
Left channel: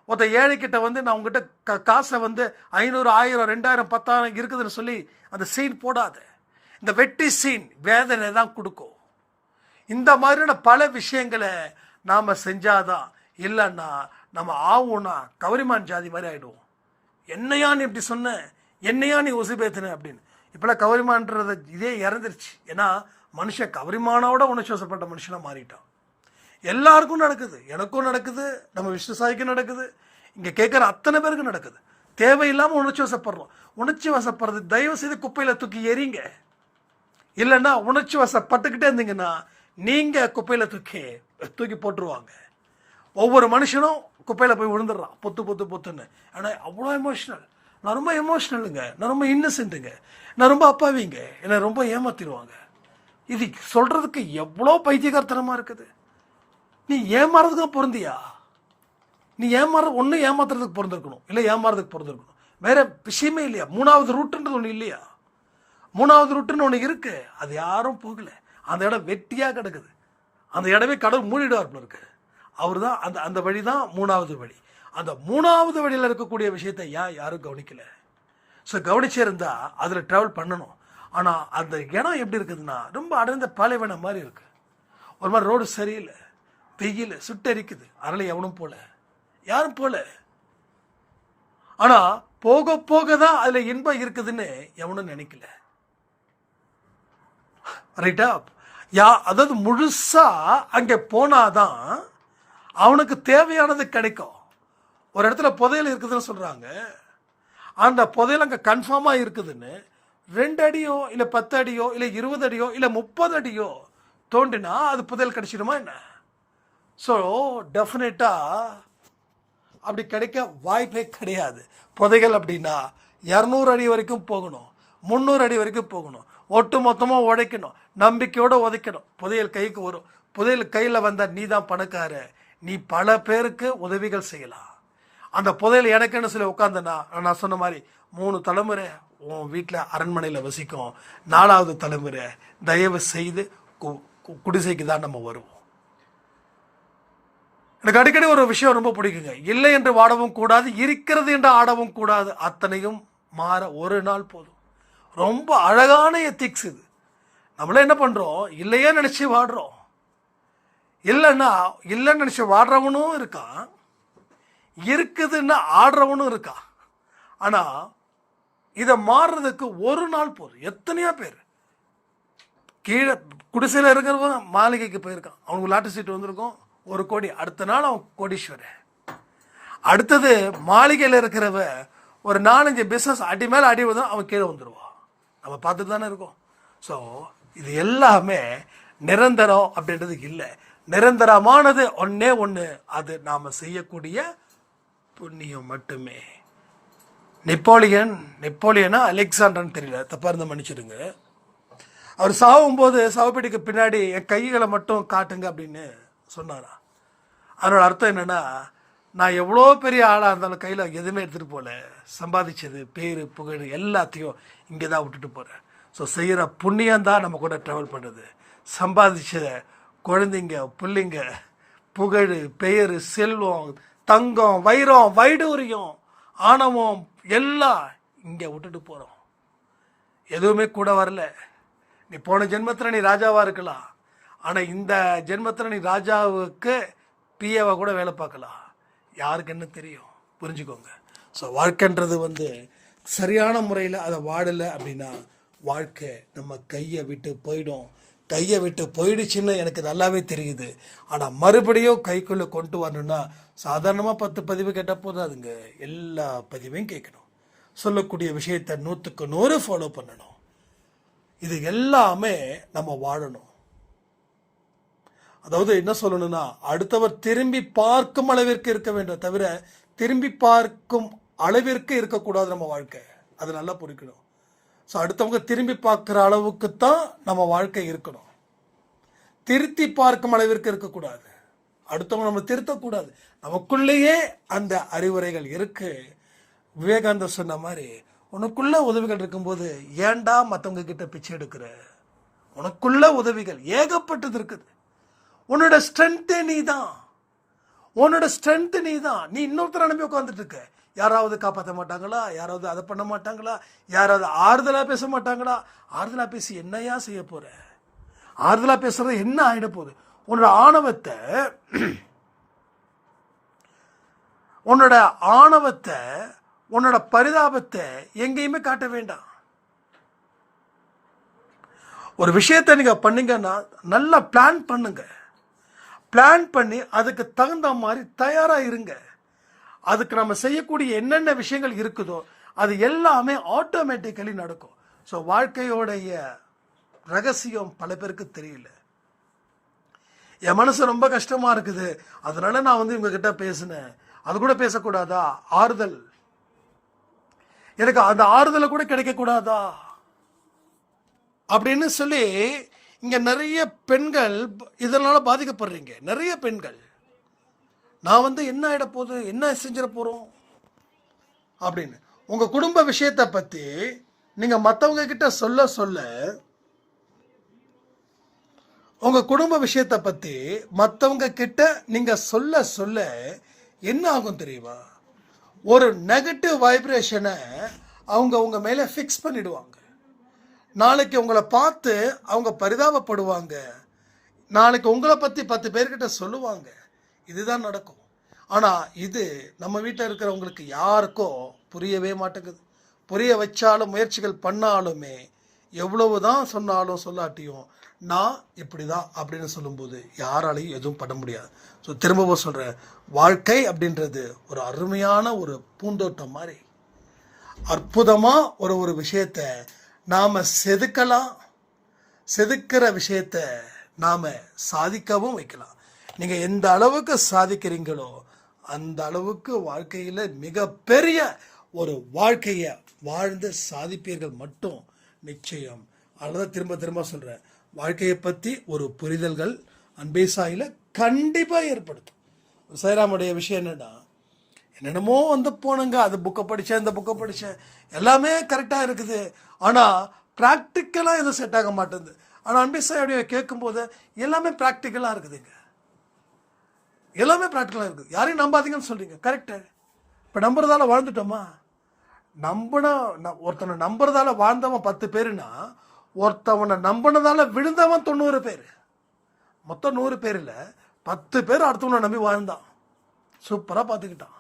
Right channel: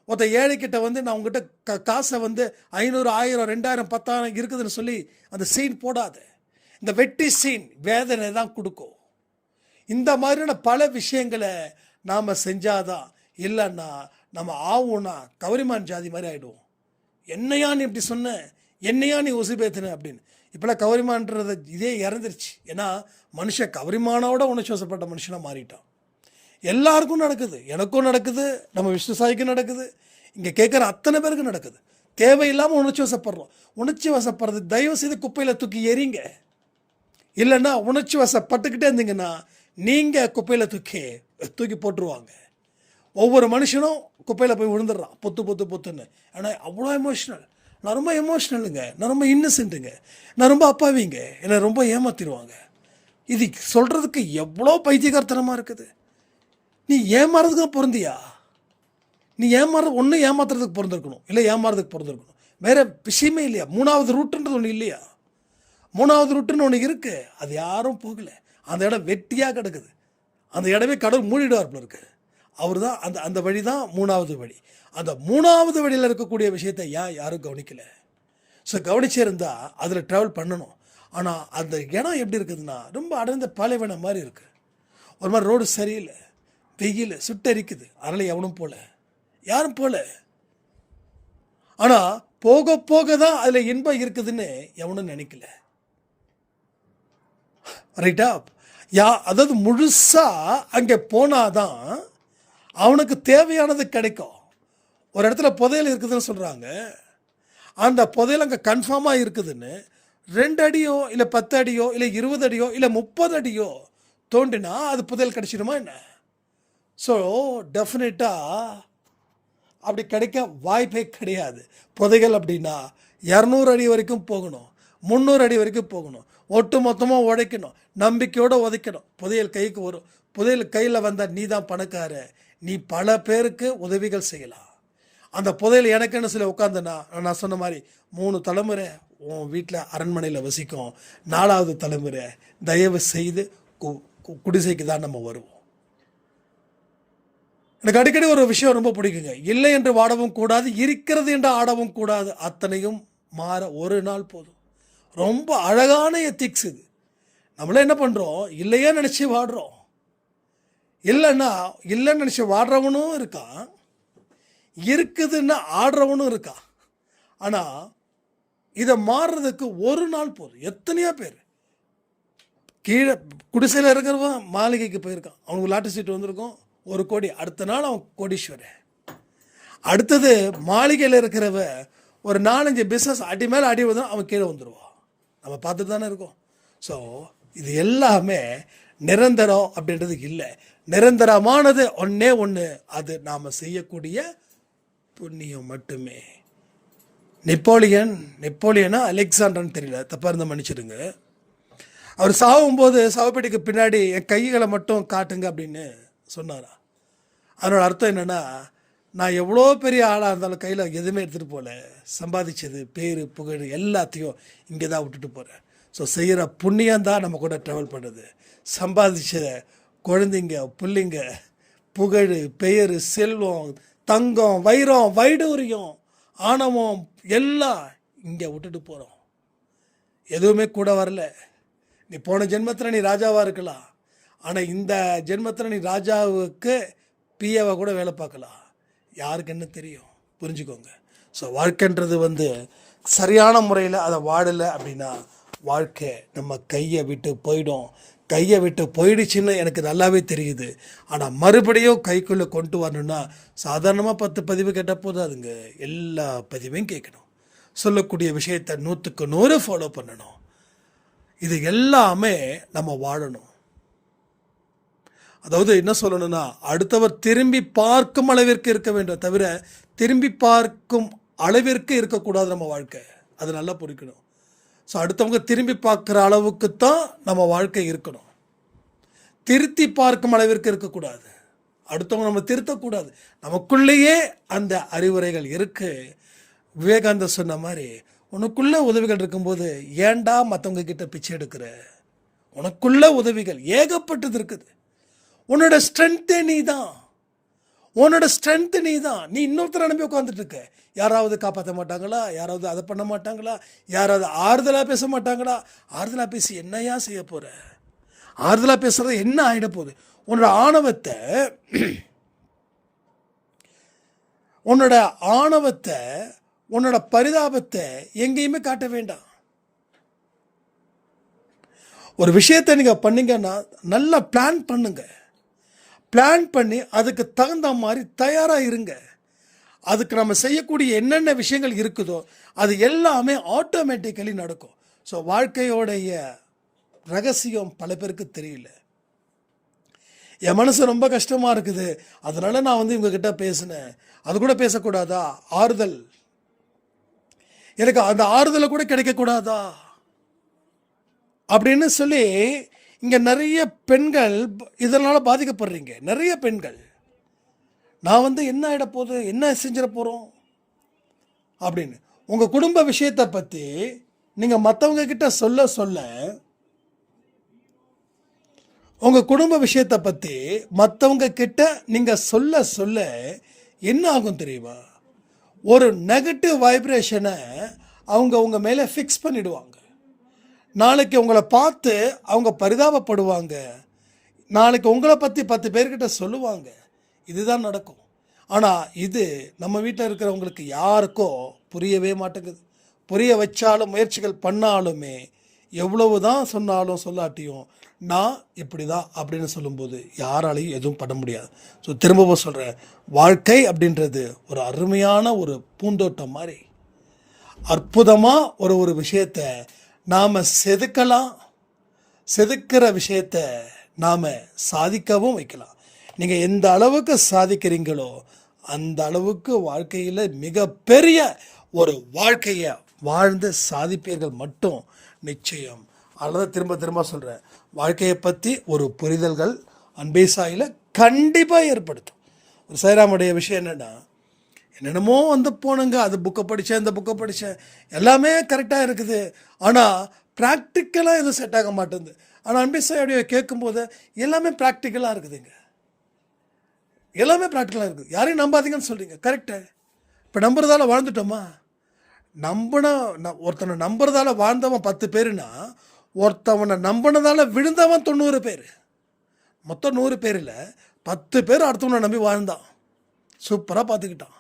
ஒருத்தன் ஏழைக்கிட்ட வந்து நான் உங்ககிட்ட க காசை வந்து ஐநூறு ஆயிரம் ரெண்டாயிரம் பத்தாயிரம் இருக்குதுன்னு சொல்லி அந்த சீன் போடாத. இந்த வெட்டி சீன் வேதனை தான் கொடுக்கும். இந்த மாதிரியான பல விஷயங்களை நாம் செஞ்சாதான் இல்லைன்னா நம்ம ஆவோம்னா கவரிமான் ஜாதி மாதிரி ஆகிடுவோம் என்னையா நீ இப்படி சொன்ன? என்னையா நீ உசுபேத்தின அப்படின்னு. இப்போலாம் கவரிமான்றது இதே இறந்துருச்சு. ஏன்னா மனுஷன் கவரிமானோட உணர்ச்சிவசப்பட்ட மனுஷனாக மாறிட்டான். எல்லாருக்கும் நடக்குது. எனக்கும் நடக்குது. நம்ம விஷ்ணு சாய்க்கும் நடக்குது. இங்கே கேட்குற அத்தனை பேருக்கும் நடக்குது. தேவையில்லாமல் உணர்ச்சி வசப்படுறோம். உணர்ச்சி வசப்படுறது தயவு செய்து குப்பையில் தூக்கி எறிங்க. இல்லைன்னா உணர்ச்சி வசப்பட்டுக்கிட்டே இருந்தீங்கன்னா நீங்கள் குப்பையில் தூக்கி தூக்கி போட்டுருவாங்க. ஒவ்வொரு மனுஷனும் குப்பையில் போய் விழுந்துடுறான். பொத்து பொத்து பொத்துன்னு. ஆனால் அவ்வளோ எமோஷ்னல் நான் ரொம்ப எமோஷ்னலுங்க நான் ரொம்ப இன்னசென்ட்டுங்க நான் ரொம்ப அப்பாவிங்க. என்னை ரொம்ப ஏமாத்திடுவாங்க. இது சொல்கிறதுக்கு எவ்வளோ பைத்தியகார்த்தனமாக இருக்குது? நீ ஏமாறதுக்கு தான் பொருந்தியா? நீ ஏமாற ஒன்று ஏமாத்துறதுக்கு பிறந்திருக்கணும் இல்லை ஏமாறதுக்கு பிறந்திருக்கணும் வேறு விஷயமே இல்லையா? மூணாவது ரூட்டுன்றது ஒன்று இல்லையா? மூணாவது ரூட்டுன்னு ஒன்று இருக்குது அது யாரும் போகலை. அந்த இடம் வெட்டியாக கிடக்குது. அந்த இடமே கடவுள் மூடிடுவார் போல இருக்கு. அவர் தான் அந்த அந்த வழி தான் மூணாவது வழி. அந்த மூணாவது வழியில் இருக்கக்கூடிய விஷயத்தை ஏன் யாரும் கவனிக்கல? ஸோ கவனிச்சிருந்தா அதில் ட்ராவல் பண்ணணும். ஆனால் அந்த இடம் எப்படி இருக்குதுன்னா ரொம்ப அடர்ந்த பாலைவனம் மாதிரி இருக்கு. ஒரு மாதிரி ரோடு சரியில்லை வெயில் சுட்டரிக்குது. அதனால் எவனும் போல. யாரும் போல. ஆனால் போக போக தான் அதில் இன்பம் இருக்குதுன்னு எவனும் நினைக்கல. ரைட்டா யா அதாவது முழுசாக அங்கே போனாதான் அவனுக்கு தேவையானது கிடைக்கும். ஒரு இடத்துல புதையல் இருக்குதுன்னு சொல்கிறாங்க அந்த புதையல் அங்கே கன்ஃபார்மாக இருக்குதுன்னு ரெண்டு அடியோ இல்லை பத்து அடியோ இல்லை இருபது அடியோ இல்லை முப்பது அடியோ தோண்டினா அது புதையல் கிடச்சிடுமா என்ன? ஸோ டெஃபினட்டாக அப்படி கிடைக்க வாய்ப்பே கிடையாது. புதைகள் அப்படின்னா இரநூறு அடி வரைக்கும் போகணும். முந்நூறு அடி வரைக்கும் போகணும். ஒட்டு மொத்தமாக உடைக்கணும். நம்பிக்கையோடு உதைக்கணும். புதையல் கைக்கு வரும். புதையல் கையில் வந்தால் நீ தான் பணக்கார நீ பல பேருக்கு உதவிகள் செய்யலாம். அந்த புதையல் எனக்குன்னு சொல்லி உட்காந்துனா நான் சொன்ன மாதிரி மூணு தலைமுறை உன் வீட்டில் அரண்மனையில் வசிக்கும். நாலாவது தலைமுறை தயவு செய்து கு- கு- குடிசைக்கு தான் நம்ம வருவோம். எனக்கு அடிக்கடி ஒரு விஷயம் ரொம்ப பிடிக்குங்க. இல்லை என்று வாடவும் கூடாது இருக்கிறது என்று ஆடவும் கூடாது. அத்தனையும் மாற ஒரு நாள் போதும். ரொம்ப அழகான எத்திக்ஸ் இது. நம்மளே என்ன பண்ணுறோம் இல்லையே நினச்சி வாடுறோம். இல்லைன்னா இல்லைன்னு நினச்சி வாடுறவனும் இருக்கான். இருக்குதுன்னு ஆடுறவனும் இருக்கா? ஆனால் இதை மாறுறதுக்கு ஒரு நாள் போதும். எத்தனையோ பேர். கீழே குடிசையில் இருக்கிறவன் மாளிகைக்கு போயிருக்கான். அவனுக்கு லாட்டு சீட்டு வந்திருக்கும். ஒரு கோடி. அடுத்த நாள் அவன் கோடீஸ்வரன். அடுத்தது மாளிகையில் இருக்கிறவ ஒரு நாலஞ்சு பிஸ்னஸ் அடி மேலே அடி வந்து அவன் கீழே வந்துடுவான் நம்ம பார்த்துட்டு தானே இருக்கோம். ஸோ இது எல்லாமே நிரந்தரம் அப்படின்றது இல்லை. நிரந்தரமானது ஒன்றே ஒன்று அது நாம் செய்யக்கூடிய புண்ணியம் மட்டுமே. நெப்போலியன் நெப்போலியனா அலெக்சாண்டர்னு தெரியல. தப்பாக இருந்தால் மன்னிச்சிடுங்க. அவர் சாகும்போது சவப்பெட்டிக்கு பின்னாடி என் கைகளை மட்டும் காட்டுங்க அப்படின்னு சொன்னாராம். அதனோட அர்த்தம் என்னென்னா நான் எவ்வளோ பெரிய ஆளாக இருந்தாலும் கையில் எதுவுமே எடுத்துகிட்டு போகல சம்பாதிச்சது பேர் புகழ் எல்லாத்தையும் இங்கே தான் விட்டுட்டு போகிறேன் ஸோ செய்கிற புண்ணியம் தான் நம்ம கூட ட்ராவல் பண்ணுறது சம்பாதிச்ச குழந்தைங்க பிள்ளைங்க புகழ் பெயர் செல்வம் தங்கம் வைரம் வைடூரியம் ஆணவம் எல்லாம் இங்கே விட்டுட்டு போகிறோம் எதுவுமே கூட வரல. நீ போன ஜென்மத்தில் நீ ராஜாவாக இருக்கலாம். ஆனால் இந்த ஜென்மத்தில் நீ ராஜாவுக்கு பிஏவை கூட வேலை பார்க்கலாம். யாருக்கு என்ன தெரியும். புரிஞ்சுக்கோங்க. ஸோ வாழ்க்கைன்றது வந்து சரியான முறையில் அதை வாழலை அப்படின்னா வாழ்க்கை நம்ம கையை விட்டு போயிடும். கையை விட்டு போயிடுச்சுன்னு எனக்கு நல்லாவே தெரியுது. ஆனால் மறுபடியும் கைக்குள்ளே கொண்டு வரணும்னா சாதாரணமாக பத்து பதிவு கேட்டால் போதாதுங்க. எல்லா பதிவையும் கேட்கணும். சொல்லக்கூடிய விஷயத்தை நூற்றுக்கு நூறு ஃபாலோ பண்ணணும். இது எல்லாமே நம்ம வாழணும். அதாவது என்ன சொல்லணும்னா அடுத்தவர் திரும்பி பார்க்கும் அளவிற்கு இருக்க வேண்டும் தவிர திரும்பி பார்க்கும் அளவிற்கு இருக்கக்கூடாது நம்ம வாழ்க்கை. அது நல்லா புரிக்கணும் ஸோ அடுத்தவங்க திரும்பி பார்க்குற அளவுக்கு தான் நம்ம வாழ்க்கை இருக்கணும். திருத்தி பார்க்கும் அளவிற்கு இருக்கக்கூடாது. அடுத்தவங்க நம்ம திருத்தக்கூடாது. நமக்குள்ளேயே அந்த அறிவுரைகள் இருக்குது விவேகானந்தர் சொன்ன மாதிரி உனக்குள்ளே உதவிகள் இருக்கும்போது ஏன்டா மற்றவங்க கிட்ட பிச்சை எடுக்கிற? உனக்குள்ள உதவிகள் ஏகப்பட்டது இருக்குது. உன்னோட ஸ்ட்ரென்த்தே நீ தான் உன்னோட ஸ்ட்ரென்த்து நீ தான் நீ இன்னொருத்தர் அனுப்பி உட்காந்துட்டு இருக்க. யாராவது காப்பாற்ற மாட்டாங்களா? யாராவது அதை பண்ண மாட்டாங்களா? யாராவது ஆறுதலாக பேச மாட்டாங்களா? ஆறுதலாக பேசி என்னையா செய்ய போகிற ஆறுதலாக பேசுறது என்ன ஆகிட போகுது? உன்னோட ஆணவத்தை உன்னோட ஆணவத்தை உன்னோட பரிதாபத்தை எங்கேயுமே காட்ட வேண்டாம். ஒரு விஷயத்தை நீங்கள் பண்ணிங்கன்னா நல்லா பிளான் பண்ணுங்க. பிளான் பண்ணி அதுக்கு தகுந்த மாதிரி தயாராக இருங்க. அதுக்கு நம்ம செய்யக்கூடிய என்னென்ன விஷயங்கள் இருக்குதோ அது எல்லாமே ஆட்டோமேட்டிக்கலி நடக்கும். ஸோ வாழ்க்கையோடைய ரகசியம் பல பேருக்கு தெரியல. என் மனசு ரொம்ப கஷ்டமாக இருக்குது. அதனால நான் வந்து இவங்கக்கிட்ட பேசினேன். அது கூட பேசக்கூடாதா? ஆறுதல். எனக்கு அந்த ஆறுதலை கூட கிடைக்கக்கூடாதா? அப்படின்னு சொல்லி இங்கே நிறைய பெண்கள் இதனால் பாதிக்கப்படுறீங்க. நிறைய பெண்கள். நான் வந்து என்ன ஆகிட போகுது? என்ன செஞ்சிட போகிறோம் அப்படின்னு. உங்கள் குடும்ப விஷயத்தை பற்றி நீங்கள் மற்றவங்க கிட்ட சொல்ல சொல்ல உங்கள் குடும்ப விஷயத்தை பற்றி மற்றவங்க கிட்ட நீங்கள் சொல்ல சொல்ல என்ன ஆகும் தெரியுமா? ஒரு நெகட்டிவ் வைப்ரேஷனை அவங்க உங்கள் மேலே ஃபிக்ஸ் பண்ணிடுவாங்க. நாளைக்கு உங்களை பார்த்து அவங்க பரிதாபப்படுவாங்க. நாளைக்கு உங்களை பற்றி பத்து பேர்கிட்ட சொல்லுவாங்க. இதுதான் நடக்கும். ஆனால் இது நம்ம வீட்டில் இருக்கிறவங்களுக்கு யாருக்கோ புரியவே மாட்டேங்குது. புரிய வச்சாலும் முயற்சிகள் பண்ணாலுமே எவ்வளவு தான் சொன்னாலும் சொல்லாட்டியும் நான் இப்படி தான் அப்படின்னு சொல்லும்போது யாராலையும் எதுவும் பண்ண முடியாது. ஸோ திரும்பவும் சொல்கிறேன் வாழ்க்கை அப்படின்றது ஒரு அருமையான ஒரு பூந்தோட்டம் மாதிரி. அற்புதமாக ஒரு ஒரு விஷயத்தை நாம் செதுக்கலாம். செதுக்கிற விஷயத்த நாம் சாதிக்கவும் வைக்கலாம். நீங்கள் எந்த அளவுக்கு சாதிக்கிறீங்களோ அந்த அளவுக்கு வாழ்க்கையில் மிகப்பெரிய ஒரு வாழ்க்கையை வாழ்ந்து சாதிப்பீர்கள் மட்டும் நிச்சயம். அல்லது திரும்ப திரும்ப சொல்கிறேன் வாழ்க்கையை பற்றி ஒரு புரிதல்கள் அன்பே சாயில் கண்டிப்பாக ஏற்படுத்தும். ஒரு சைராமுடைய விஷயம் என்னென்னா என்னென்னமோ வந்து போனுங்க அது புக்கை படித்தேன் இந்த புக்கை படித்தேன் எல்லாமே கரெக்டாக இருக்குது. ஆனால் ப்ராக்டிக்கலாக எதுவும் செட் ஆக மாட்டேங்குது. ஆனால் அன்பே சாயோடைய கேட்கும்போது எல்லாமே ப்ராக்டிக்கலாக இருக்குதுங்க. எல்லாமே ப்ராக்டிக்கலாக இருக்குது யாரையும் நம்பாதீங்கன்னு சொல்கிறீங்க கரெக்டு இப்போ நம்புறதால வாழ்ந்துட்டோமா? நம்பின ந- ஒருத்தனை நம்புறதால வாழ்ந்தவன் பத்து பேருனா ஒருத்தவனை நம்பினதால விழுந்தவன் தொண்ணூறு பேர். மொத்தம் நூறு பேரில் பத்து பேர் அடுத்தவனை நம்பி வாழ்ந்தான். சூப்பராக பார்த்துக்கிட்டான்.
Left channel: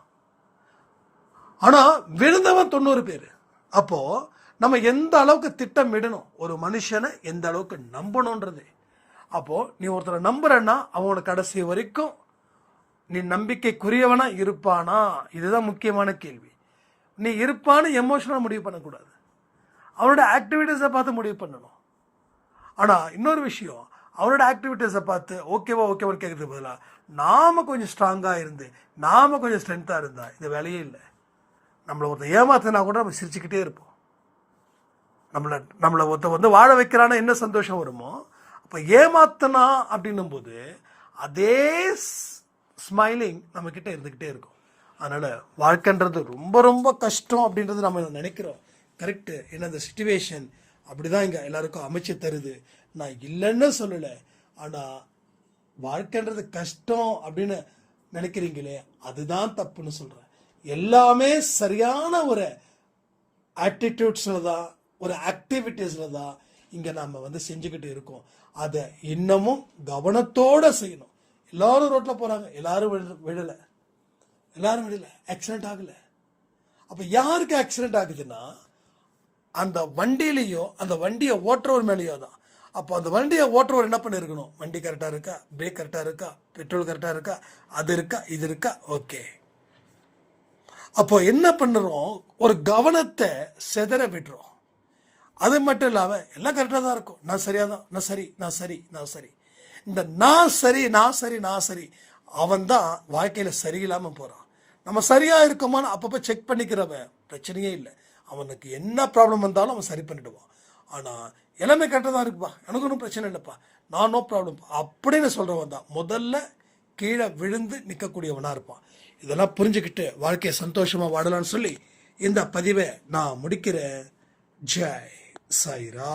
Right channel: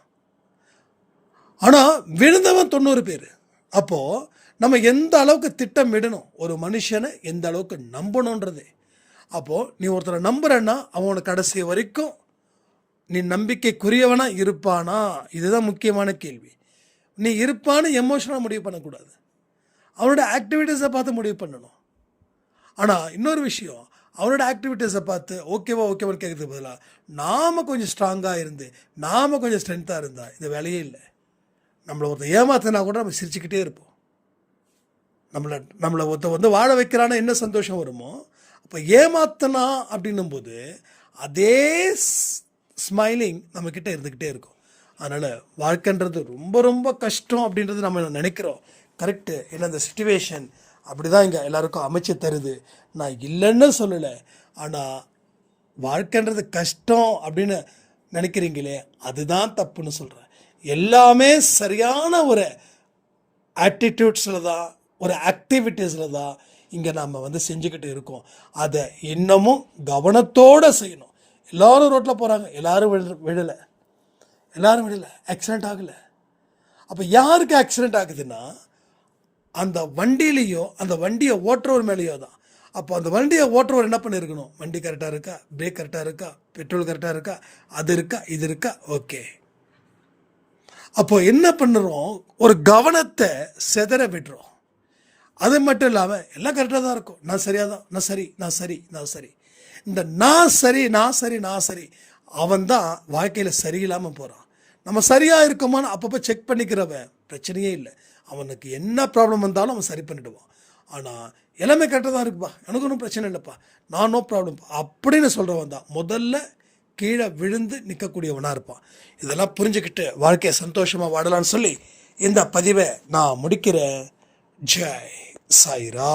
ஆனால் விழுந்தவன் தொண்ணூறு பேர். அப்போது நம்ம எந்த அளவுக்கு திட்டமிடணும்? ஒரு மனுஷனை எந்த அளவுக்கு நம்பணுன்றது. அப்போது நீ ஒருத்தரை நம்புறன்னா அவனோட கடைசி வரைக்கும் நீ நம்பிக்கைக்குரியவனாக இருப்பானா? இதுதான் முக்கியமான கேள்வி. நீ இருப்பான்னு எமோஷனாக முடிவு பண்ணக்கூடாது. அவனோட ஆக்டிவிட்டீஸை பார்த்து முடிவு பண்ணணும். ஆனால் இன்னொரு விஷயம். அவனோட ஆக்டிவிட்டீஸை பார்த்து ஓகேவா ஓகேவான்னு கேட்கறதுக்கு பதிலாக நாம் கொஞ்சம் ஸ்ட்ராங்காக இருந்து நாம் கொஞ்சம் ஸ்ட்ரென்த்தாக இருந்தால் இது வேலையே இல்லை. நம்மளை ஒருத்தன் ஏமாத்தினா கூட நம்ம சிரிச்சுக்கிட்டே இருப்போம். நம்மளை நம்மளை ஒருத்த வந்து வாழ வைக்கிறான்னா என்ன சந்தோஷம் வருமோ அப்போ ஏமாத்தனா அப்படின்னும் போது அதே ஸ்மைலிங் நம்மக்கிட்ட இருந்துக்கிட்டே இருக்கும். அதனால் வாழ்க்கைன்றது ரொம்ப ரொம்ப கஷ்டம் அப்படின்றது நம்ம நினைக்கிறோம். கரெக்டு ஏன்னா அந்த சுச்சுவேஷன் அப்படி தான் இங்கே எல்லாருக்கும் அமைச்சு தருது. நான் இல்லைன்னு சொல்லலை. ஆனால் வாழ்க்கைன்றது கஷ்டம் அப்படின்னு நினைக்கிறீங்களே அதுதான் தப்புன்னு சொல்கிறேன் எல்லாமே சரியான ஒரு ஆட்டிடியூட்ஸில் தான் ஒரு ஆக்டிவிட்டீஸில் தான் இங்கே நம்ம வந்து செஞ்சுக்கிட்டு இருக்கோம். அதை இன்னமும் கவனத்தோடு செய்யணும். எல்லாரும் ரோட்டில் போகிறாங்க எல்லோரும் விழ விழலை. எல்லோரும் விழலை. ஆக்சிடென்ட் ஆகலை. அப்போ யாருக்கு ஆக்சிடெண்ட் ஆகுதுன்னா அந்த வண்டியிலையோ அந்த வண்டியை ஓட்டுறவர் மேலேயோ தான் அப்போ அந்த வண்டியை ஓட்டுறவர் என்ன பண்ணியிருக்கணும் வண்டி கரெக்டாக இருக்கா? பிரேக் கரெக்டாக இருக்கா? பெட்ரோல் கரெக்டாக இருக்கா? அது இருக்கா? இது இருக்கா? ஓகே. அப்போ என்ன பண்ணுறோம்? ஒரு கவனத்தை செதற விடுறோம். அது மட்டும் இல்லாமல் எல்லாம் கரெக்டாக தான் இருக்கும். நான் சரியாக தான் நான் சரி நான் சரி நான் சரி. இந்த நான் சரி நான் சரி நான் சரி அவன் தான் வாழ்க்கையில் சரியில்லாமல் போகிறான் நம்ம சரியாக இருக்கோமான்னு அப்பப்போ செக் பண்ணிக்கிறவன் பிரச்சனையே இல்லை. அவனுக்கு என்ன ப்ராப்ளம் வந்தாலும் அவன் சரி பண்ணிடுவான். ஆனால் எல்லாமே கரெக்டாக தான் இருக்குப்பா. எனக்கு ஒன்றும் பிரச்சனை இல்லைப்பா. நான் நோ ப்ராப்ளம் அப்படின்னு சொல்கிறவன் தான். முதல்ல கீழே விழுந்து நிற்கக்கூடியவனாக இருப்பான். இதெல்லாம் புரிஞ்சுக்கிட்டு வாழ்க்கையை சந்தோஷமாக வாடலான்னு சொல்லி இந்த பதிவை நான் முடிக்கிறேன். ஜெய் சாய்ரா